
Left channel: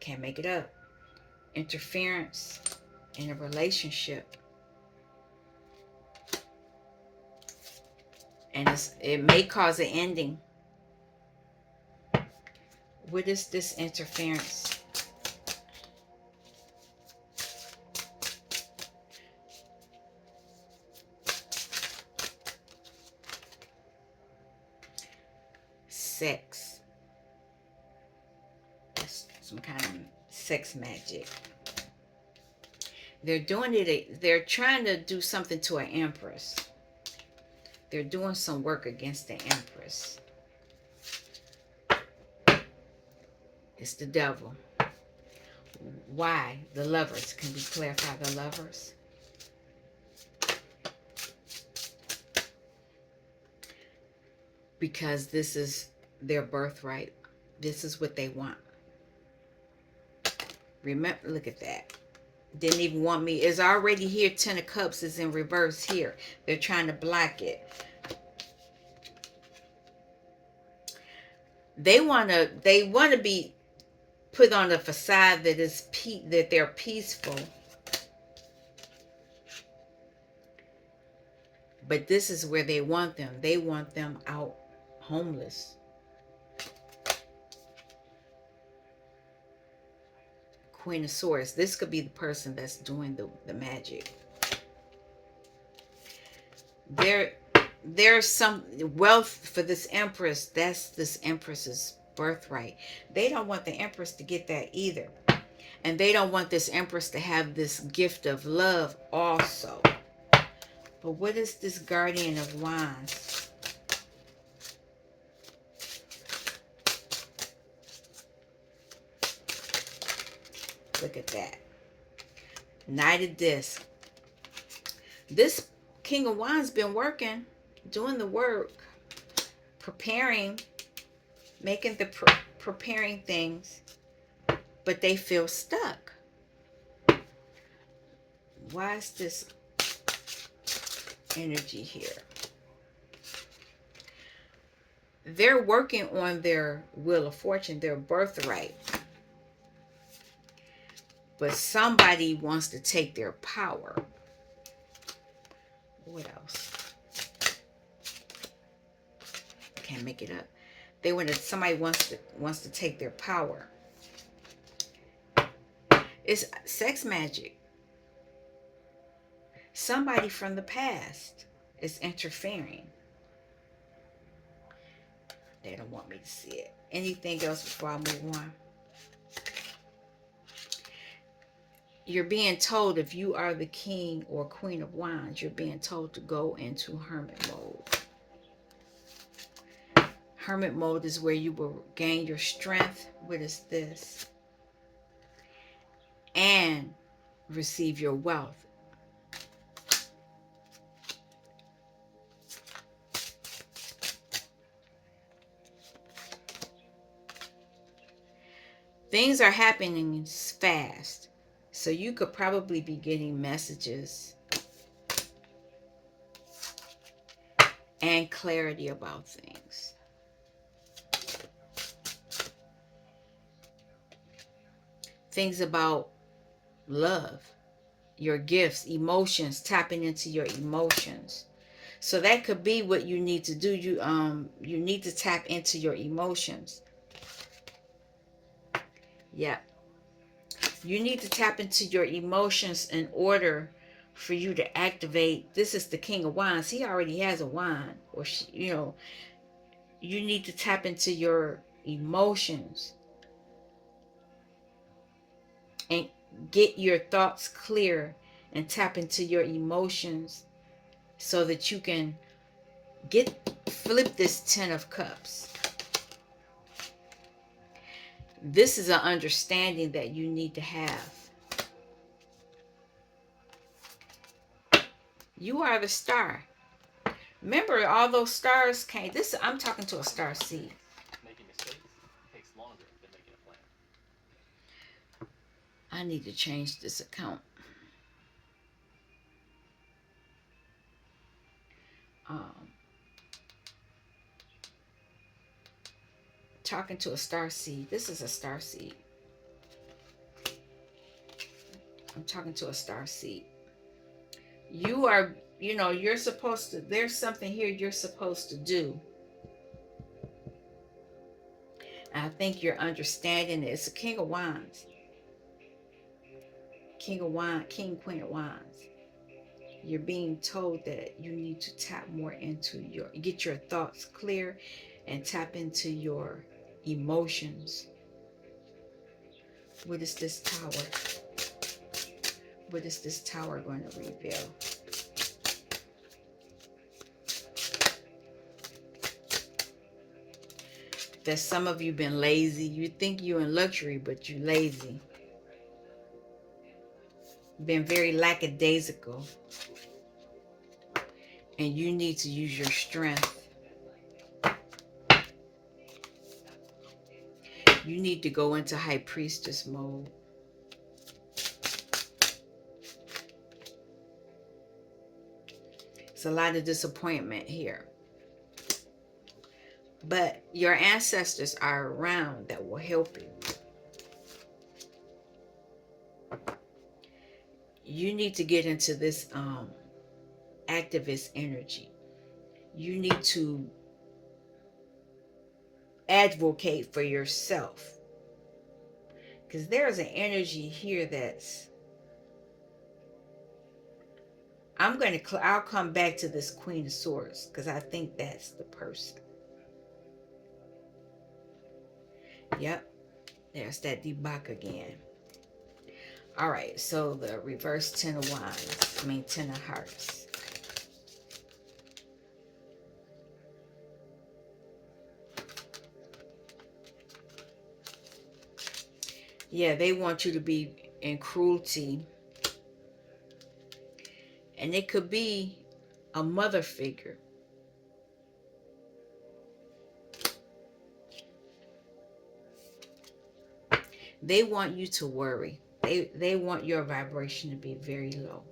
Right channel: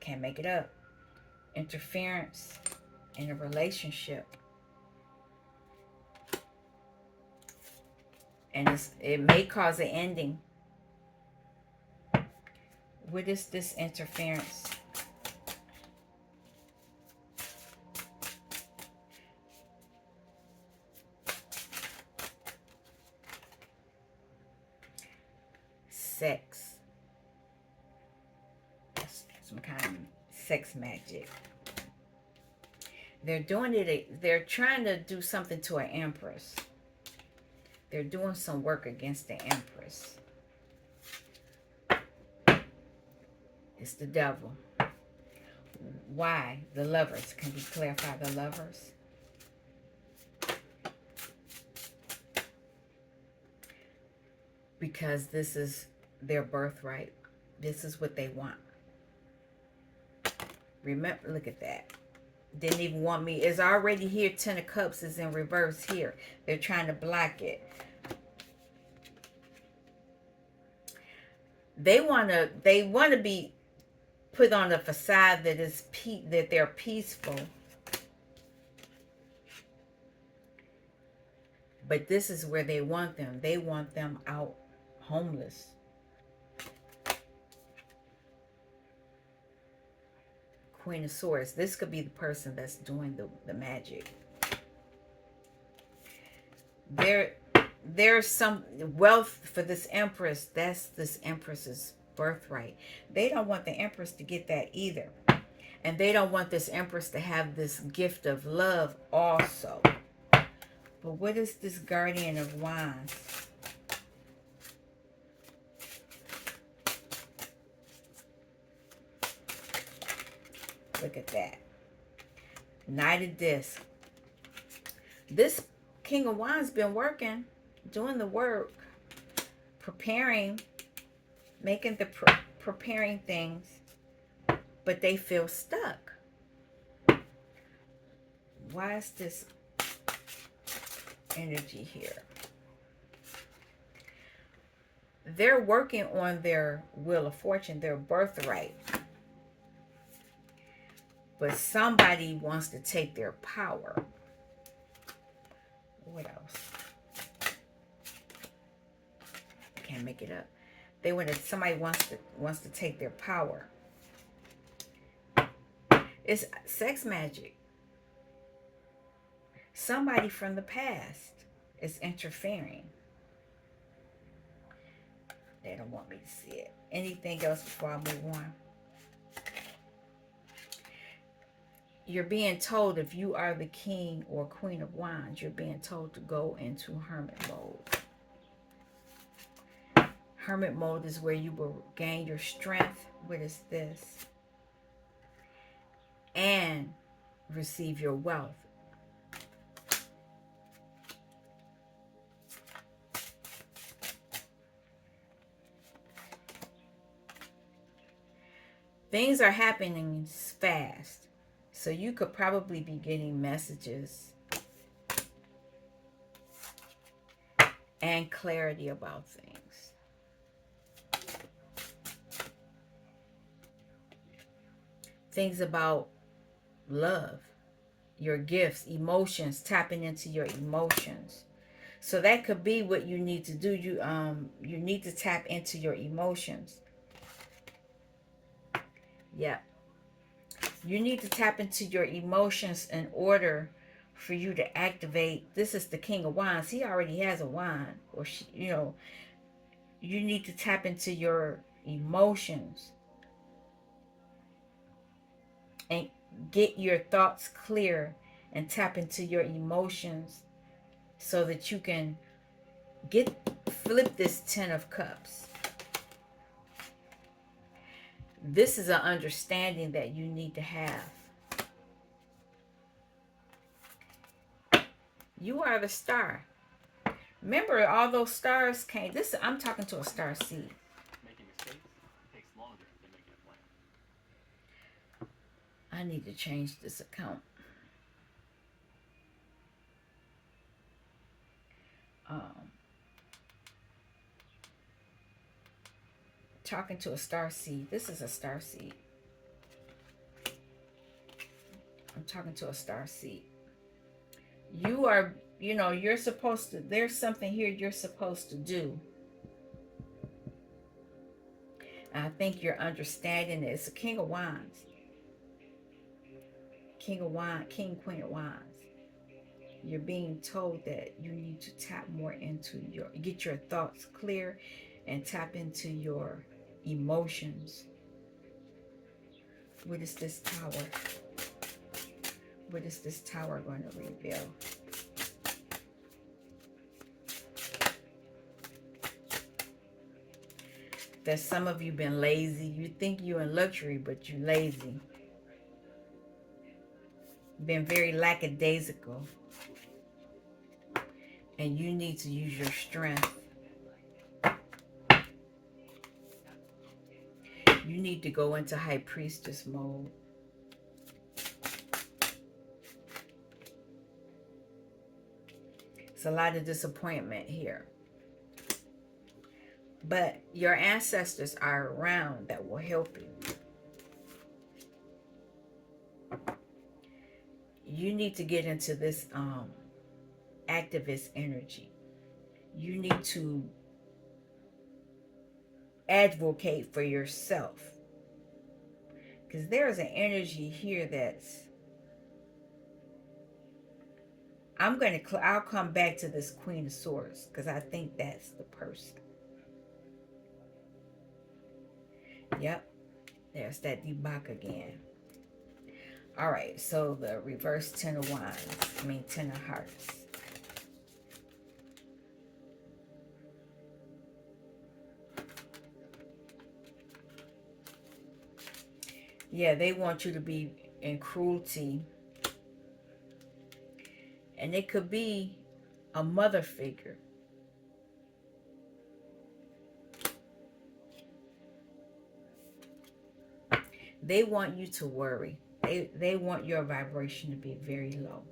can't make it up. Interference in a relationship. And it may cause an ending. What is this interference? Sex. That's some kind of sex magic. They're doing it, they're trying to do something to an empress. They're doing some work against the empress. It's the devil. Why? The lovers. Can we clarify the lovers? Because this is their birthright. This is what they want. Remember, look at that. Didn't even want me. It's already here. 10 of Cups is in reverse here. They're trying to block it. They want to be put on a facade that is that they're peaceful. But this is where they want them. They want them out homeless. Queen of Swords. This could be the person that's doing the magic. There's some wealth for this empress. That's this empress's birthright. They don't want the empress to get that either. And they don't want this empress to have this gift of love also. But what is this Guardian of Wands? Look at that. Knight of Discs. This King of Wands been working, doing the work, preparing, making the preparing things, but they feel stuck. Why is this energy here? They're working on their wheel of fortune, their birthright. But somebody wants to take their power. What else? I can't make it up. Somebody wants to take their power. It's sex magic. Somebody from the past is interfering. They don't want me to see it. Anything else before I move on? You're being told, if you are the King or Queen of Wands, you're being told to go into hermit mode. Hermit mode is where you will gain your strength. What is this? And receive your wealth. Things are happening fast. So you could probably be getting messages and clarity about things. Things about love, your gifts, emotions, tapping into your emotions. So that could be what you need to do. You need to tap into your emotions. Yeah. You need to tap into your emotions in order for you to activate. This is the King of Wands. He already has a wand, or she, you need to tap into your emotions and get your thoughts clear and tap into your emotions so that you can flip this 10 of cups. This is an understanding that you need to have. You are the star. Remember, all those stars came. This I'm talking to a star seed. Making mistakes takes longer than making a plan. I need to change this account. Um, talking to a star seed. This is a star seed. I'm talking to a star seed. You are, you're supposed to, there's something here you're supposed to do. I think you're understanding it. It's a King of Wands. King of Wands, King, Queen of Wands. You're being told that you need to tap more into get your thoughts clear and tap into your emotions. What is this tower? What is this tower going to reveal? That some of you been lazy. You think you're in luxury, but you're lazy. Been very lackadaisical. And you need to use your strength. You need to go into high priestess mode. It's a lot of disappointment here. But your ancestors are around that will help you. You need to get into this activist energy. You need to advocate for yourself. Because there's an energy here that's... I'll come back to this Queen of Swords because I think that's the person. Yep. There's that debug again. All right. So the reverse 10 of Wands. 10 of Hearts. Yeah, they want you to be in cruelty. And it could be a mother figure. They want you to worry. They want your vibration to be very low.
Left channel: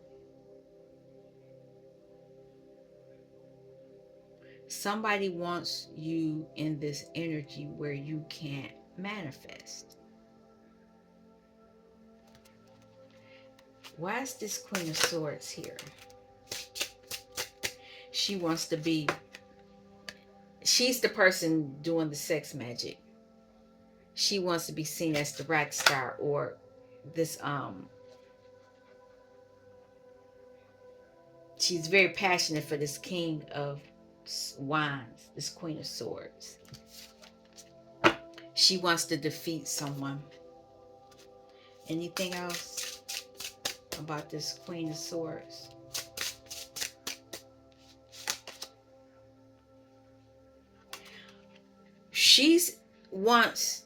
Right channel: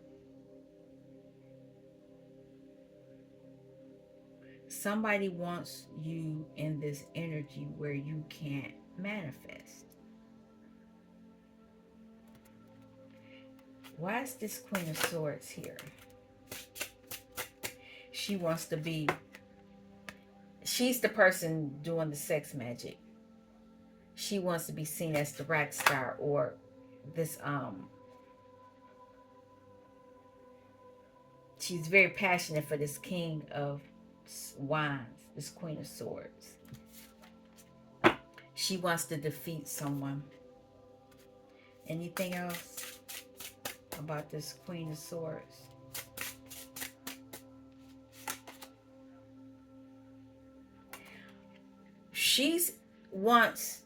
Somebody wants you in this energy where you can't manifest. Why is this Queen of Swords here? She wants to be... She's the person doing the sex magic. She wants to be seen as the rock star, or this she's very passionate for this King of Wands, this Queen of Swords. She wants to defeat someone. Anything else about this Queen of Swords? She's wants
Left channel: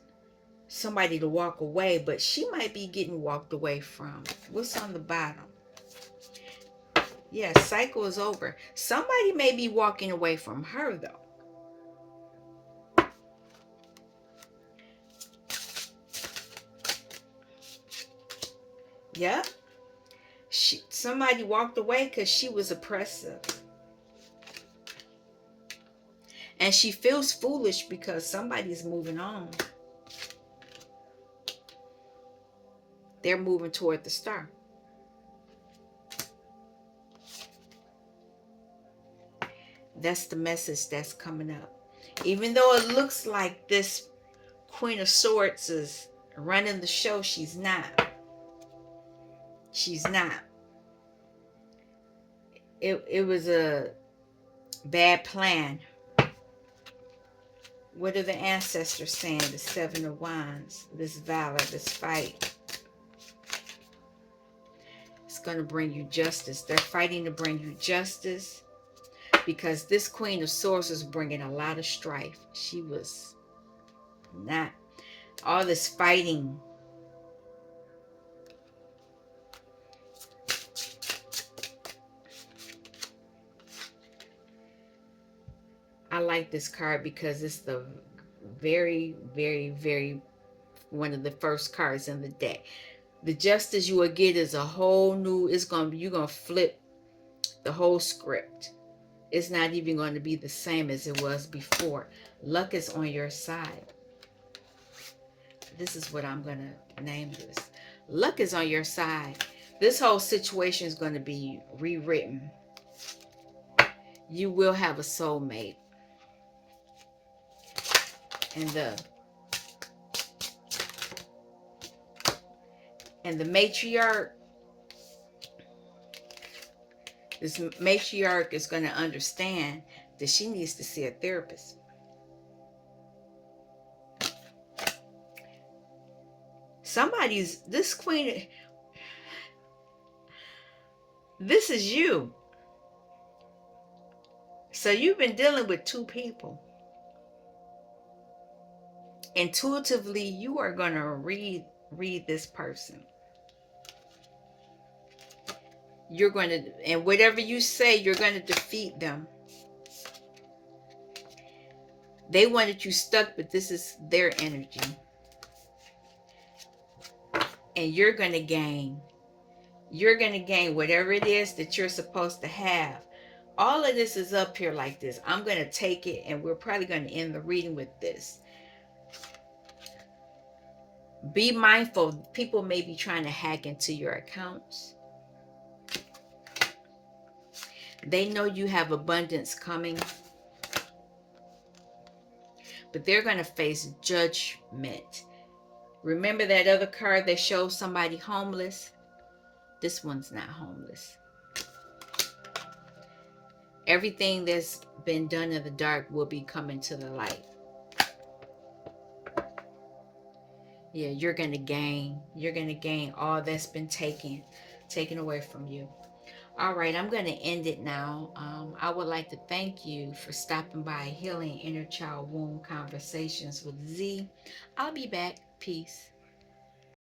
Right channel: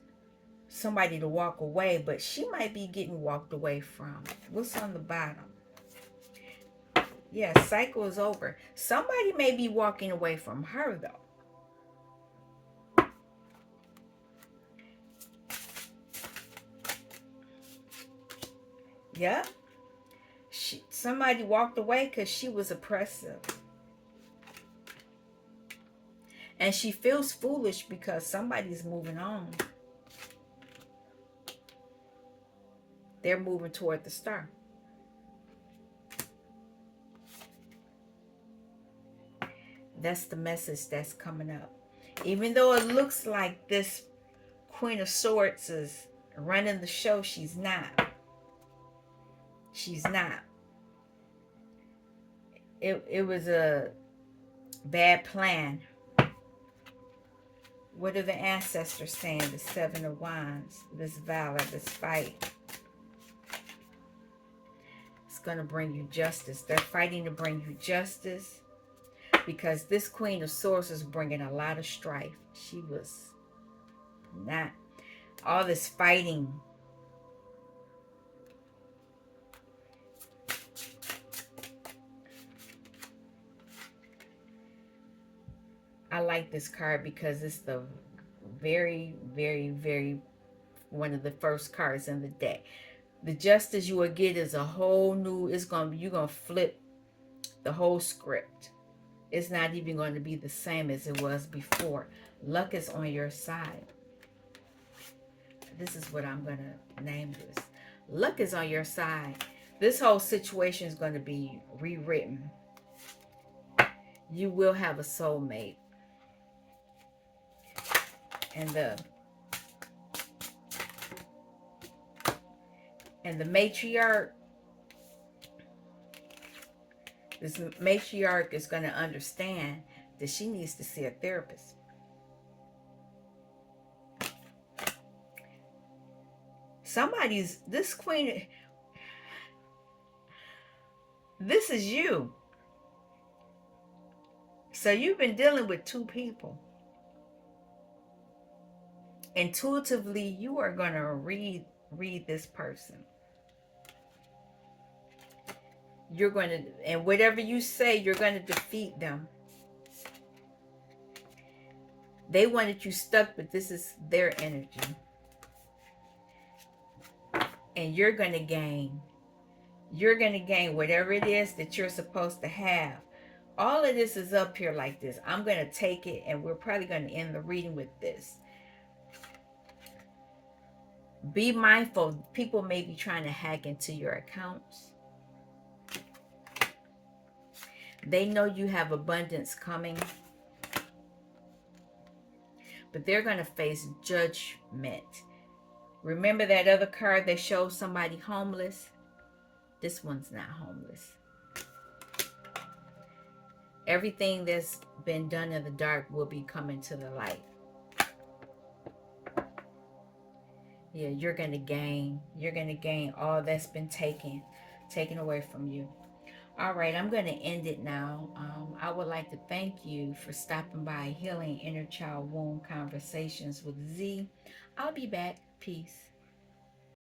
somebody to walk away, but she might be getting walked away from. What's on the bottom? Yeah, cycle is over. Somebody may be walking away from her, though. Yeah. Somebody walked away because she was oppressive. And she feels foolish because somebody's moving on. They're moving toward the star. That's the message that's coming up. Even though it looks like this Queen of Swords is running the show, she's not. She's not. It was a bad plan. What are the ancestors saying? The Seven of Wands, this valor, this fight. It's going to bring you justice. They're fighting to bring you justice because this Queen of Swords is bringing a lot of strife. She was not. All this fighting. I like this card because it's the very, very, very one of the first cards in the deck. The justice you will get is a whole new, you're gonna flip the whole script. It's not even going to be the same as it was before. Luck is on your side. This is what I'm gonna name this. Luck is on your side. This whole situation is going to be rewritten. You will have a soulmate. And the matriarch, this matriarch is going to understand that she needs to see a therapist. This queen, this is you. So you've been dealing with two people. Intuitively, you are going to read this person. You're going to, and whatever you say, you're going to defeat them. They wanted you stuck, but this is their energy. And you're going to gain. You're going to gain whatever it is that you're supposed to have. All of this is up here like this. I'm going to take it, and we're probably going to end the reading with this. Be mindful. People may be trying to hack into your accounts. They know you have abundance coming, but they're going to face judgment. Remember that other card that shows somebody homeless? This one's not homeless. Everything that's been done in the dark will be coming to the light. Yeah, you're going to gain. You're going to gain all that's been taken away from you. All right, I'm going to end it now. I would like to thank you for stopping by Healing Inner Child Wound Conversations with Z. I'll be back. Peace.